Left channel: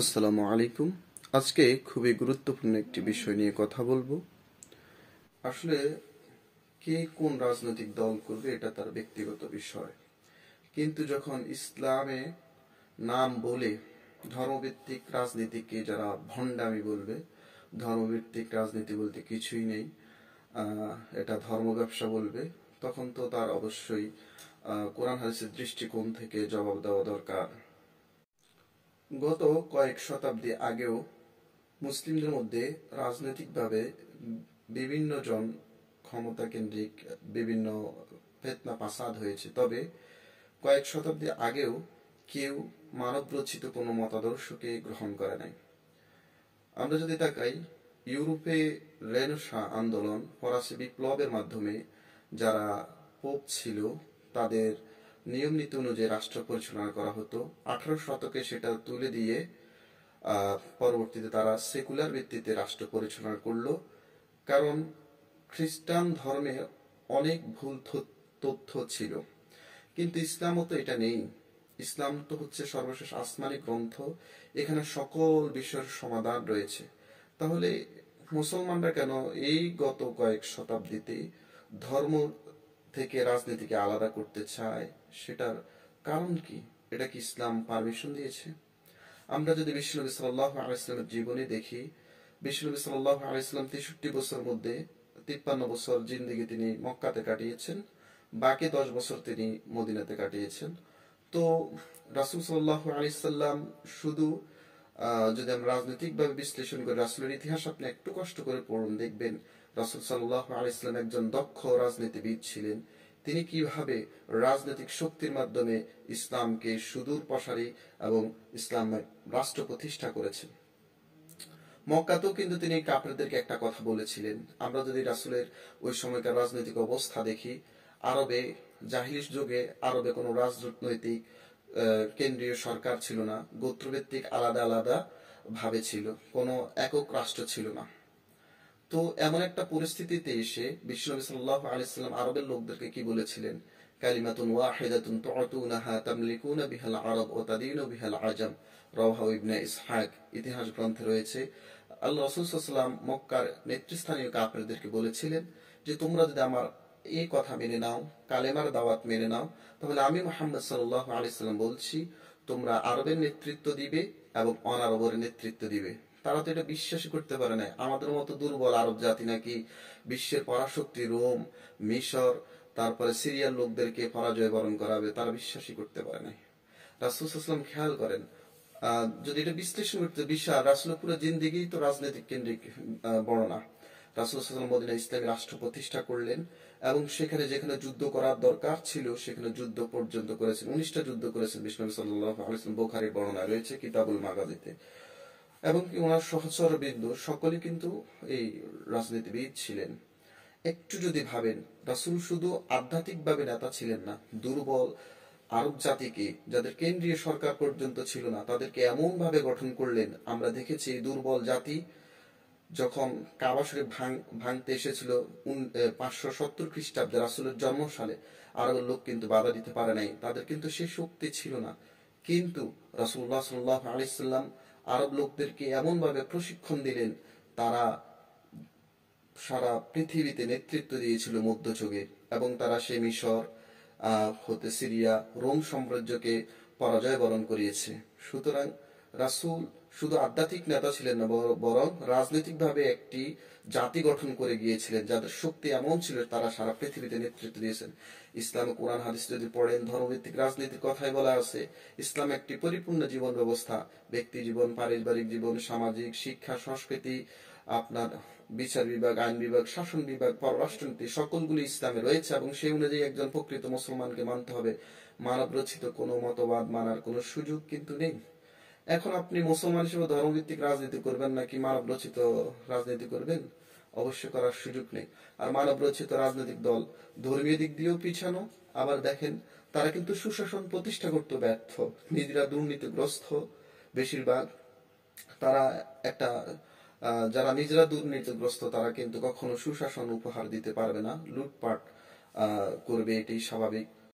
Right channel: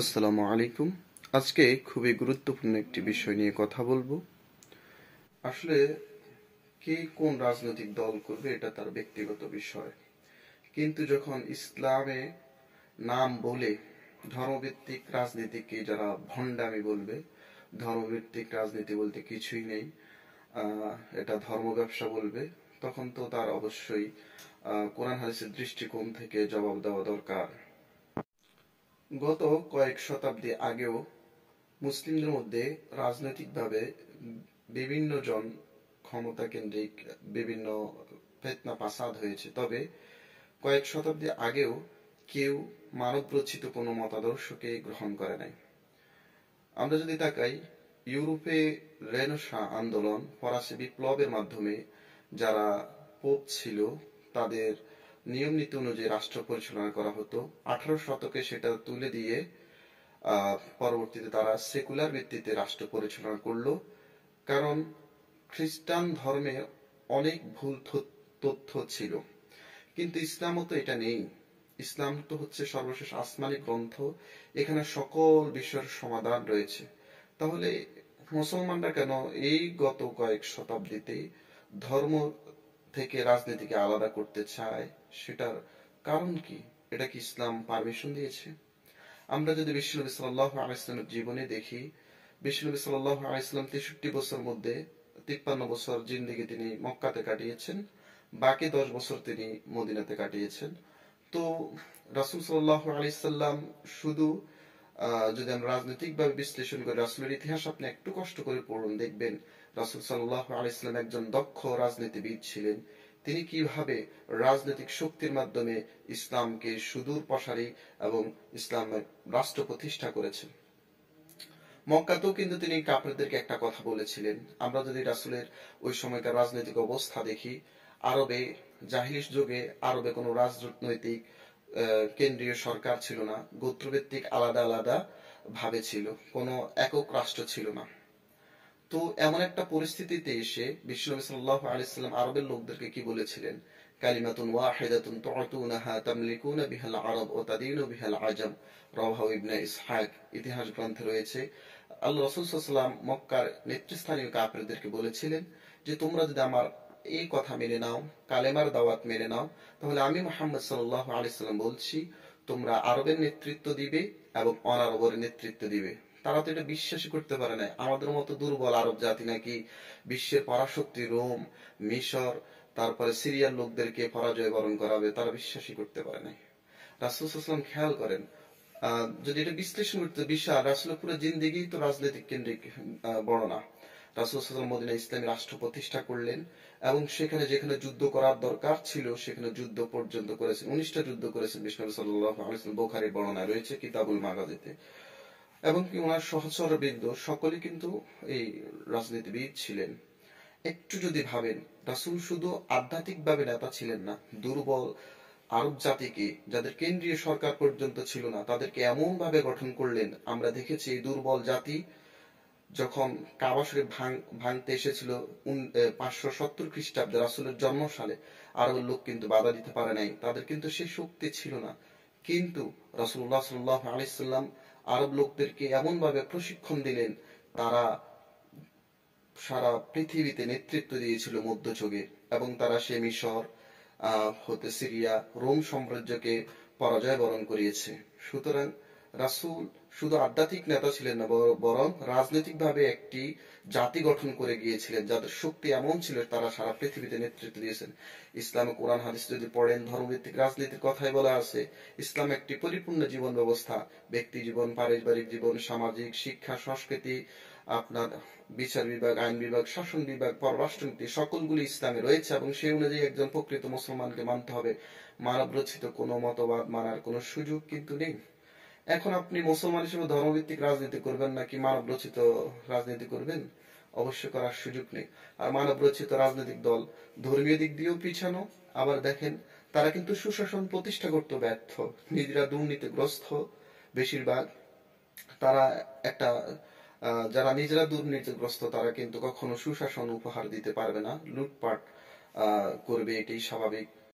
আসসালামু আলাইকুম। আজকে খুবই গুরুত্বপূর্ণ একটি বিষয় নিয়ে কথা বলবো। আসলে কে কোন রাজনৈতিক দল করবে এটা তার ব্যক্তিগত বিষয়, কিন্তু যখন ইসলামে নাম বলে ধর্মভিত্তিক রাজনীতিকে যারা ভণ্ডামি বলবে, ধর্মভিত্তিক রাজনীতি বলতে কিছুই নেই, এটা ধর্ম ব্যবসা বলবে, তখন তো তার অবশ্যই কোরআন হাদিসের দৃষ্টিকোণ থেকে জবাব দেওয়া দরকার। গত কয়েক শতাব্দী আগেও মুসলিমদের মধ্যে রাজনৈতিকভাবে বিভিন্ন জন ক্ষমতা কেন্দ্রিক বিভিন্ন ফিতনা ফাসাদ হয়েছে, তবে কয়েক শতাব্দী আগেও কেউ মানব রচিত কোনো মতাদর্শকে গ্রহণ করে নাই। আমরা যদি তাকাই, ইউরোপে রেনেসাঁ আন্দোলন, ফরাসি বিপ্লবের মাধ্যমে যারা পোপ ছিল তাদের নিয়ম নীতি অনুযায়ী রাষ্ট্র পরিচালনা করা হতো। 18 শতকে সেটা তুলে দিয়ে পরবর্তীতে তারা সেকুলার ভিত্তিতে রাষ্ট্র পরিচালনা করলো, কারণ খ্রিস্টান ধর্মে অনেক ভুল তথ্য ছিল। কিন্তু ইসলামও তো এটা নেই। ইসলাম তো হচ্ছে সর্বশেষ আসমানি গ্রন্থ, এখানে সকল বিষয়ের সমাধান রয়েছে। তাহলে মুসলমানরা কেন এই গত কয়েক শতাব্দীতে ধর্ম থেকে রাজনীতিকে আলাদা করতে চায়? সেটার কারণ কি? এটা কি ইসলাম পারমিশন দিয়েছে? আমরা যদি বিশ্বনবী সাল্লাল্লাহু আলাইহি ওয়াসাল্লামের জীবনে দেখি, বিশ্বনবী সাল্লাল্লাহু আলাইহি ওয়াসাল্লাম 63 বছর মধ্যে 53 বছর জিন্দেগি তিনি মক্কাতে কাটিয়েছেন, বাকি 10 বছর তিনি মদিনাতে কাটিয়েছেন। তো রাসূল সাল্লাল্লাহু আলাইহি সাল্লাম শুধু যদি আমরা রাজনৈতিকভাবে বিশ্লেষণ করি, রাসূলের ইতিহাস আপনি একটু কষ্ট করে পড়ুন, দেখবেন রাসূল সাল্লাল্লাহু আলাইহি সাল্লাম একজন দক্ষ রাজনীতিবিদ ছিলেন। তিনি কিভাবে রাজনৈতিক শক্তির মাধ্যমে ইসলামকে সুদূর প্রসারী এবং ইসলামের রাষ্ট্র প্রতিষ্ঠা করেছেন। মক্কাতেও কিন্তু তিনি কাফেরদেরকে একটা কথা বলেছিলেন। আমরা যদি রাসূলের ওই সময়কার রাজনৈতিক অবস্থা দেখি, আরবে জাহিলিস যুগে আরবে কোনো রাজনৈতিক কেন্দ্রীয় সরকার ছিল না, গোত্রভিত্তিক আলাদা আলাদা ভাবে ছিল, কোনো একক রাষ্ট্র ছিল না। তো এমন একটা পরিস্থিতিতে এসে বিশ্বনবী সাল্লাল্লাহু আলাইহি সাল্লাম আরবের লোকদেরকে কি বলেছিলেন? কালিমাতুন ওয়াহিদাতুন তু'তুনাহা তামলিকুনা বিহাল আরব ওয়া তাদিনু বিহাল আজম, রাওয়াহু ইবনে ইসহাক। ইতিহাস গ্রন্থে রয়েছে আল্লাহ রাসূল সাল্লাল্লাহু আলাইহি ওয়াসাল্লাম মক্কার নেতৃস্থানীয় কাফেরদেরকে বলেছিলেন যে তোমরা যদি আমার এই কথা মেনে নাও, কালেমার দাওয়াত মেনে নাও, তাহলে আমি মুহাম্মদ সাল্লাল্লাহু আলাইহি সাল্লাম বলছি তোমরা আরবের নেতৃত্ব দিবে এবং অনারবের নেতৃত্ব দিবে। তারা তো এটা বিশ্বাসই করতে পারে না। আমাদের মতো দুর্বল আরব জাতি নাকি বিশ্বের পরাশক্তি রোম, মিশর, তারপরে সিরিয়ার লোকদেরকে পরাজয় বরণ করাবে, তারা বিশ্বাসই করতে পারে না। রাসূল সাল্লাল্লাহু আলাইহি ওয়াসাল্লাম খেয়াল করেন, যদি এটা বিশ্লেষণ করতে বিশাল, রাসূলের পুরো জিন্দেগি তো রাজনৈতিক কেন্দ্রিক বর্ণনা। রাসূল সাল্লাল্লাহু আলাইহি ওয়াসাল্লাম মদিনায় ইসলামী রাষ্ট্র প্রতিষ্ঠা করলেন এবং সেখানে যেখানে যুদ্ধ করার দরকার ছিল সেখানে যুদ্ধ পর্যন্ত করেছেন। 19টা যুদ্ধ করেছেন বিশ্বনবী সাল্লাল্লাহু আলাইহি ওয়াসাল্লাম, বুখারীর বর্ণনা রয়েছে কিতাবুল মাগাজিতে। এবং কি ওনার সহচরবৃন্দ সকলেই কিন্তু এই রাজনীতিবিদ ছিলেন। একটু যদি ভাবেন, রাসূল শুধু আধ্যাত্মিকভাবে নেতা ছিলেন না, দুর্বল আরব জাতিকে, যাদের কেন্দ্রীয় সরকার পর্যন্ত ছিল না, তাদেরকে এমন ভাবে গঠন করলেন। আমরা দেখেছি এই দুর্বল জাতি যখন কাবা শরীফ ভাঙতে এসেছিল 570 খ্রিস্টাব্দে রাসূলের জন্মসালে, আরবের লোক কিন্তু বাধা দিতে পারে নাই, তাদের কিন্তু সে শক্তি ছিল না। কিন্তু রাসূলুল্লাহ সাল্লাল্লাহু আলাইহি সাল্লাম আরব লোকদেরকে এমন ভাবে প্রশিক্ষণ দিলেন, তারা সারা পৃথিবীতে নেতৃত্ব দিয়েছিল মধ্যযুগে, এবং তারা সে মিশর হতে সিরিয়া, রোম সাম্রাজ্যকে পরাজয় বরণ করিয়েছে। সুতরাং রাসূল শুধু আধ্যাত্মিক নেতা ছিলেন না, বরং রাজনৈতিকভাবে একটি জাতি গঠন করে গিয়েছিলেন, যাদের শক্তি এমন ছিল তারা সারা পৃথিবীতে নেতৃত্ব দিয়েছেন। ইসলামে কোরআন হাদিস যদি পড়েন, ধর্মভিত্তিক রাজনীতির কথাই বলা আছে। ইসলাম একটি পরিপূর্ণ জীবন ব্যবস্থা, ব্যক্তি জীবন, পারিবারিক জীবন, সামাজিক, শিক্ষা, সংস্কৃতি, আপনার বিচার বিভাগ, আইন বিভাগ, শাসন বিভাগ, পররাষ্ট্রনীতি, সকলগুলি ইসলামে রয়েছে এবং সেই অনুযায়ী একজন প্রকৃত মুসলমানকে মানতে হবে। মানব রচিত কোনো মতবাদ মানার কোনো সুযোগ কিন্তু নেই। এখন আপনি মুসলমান হিসেবে ধর্মভিত্তিক রাজনীতি করবেন নাকি মানব রচিত রাজনীতি করবেন? অবশ্য করার সুযোগ নেই। আর মানব রচিত রাজনৈতিক দল ধর্মীয় দিক দিয়েও পিছানো, আবার দেখেন তারা কিন্তু সুশাসন প্রতিষ্ঠা করতে ব্যর্থ, নিজেরা দুর্নীতিগ্রস্ত বেশিরভাগ। তারা একটা যারা নিজেরা দুর্নীতিগ্রস্ত তারা কিন্তু কখনো সুশাসন উপহার দিতে পারবে না, লুটপাট করবে, এটাই স্বাভাবিক।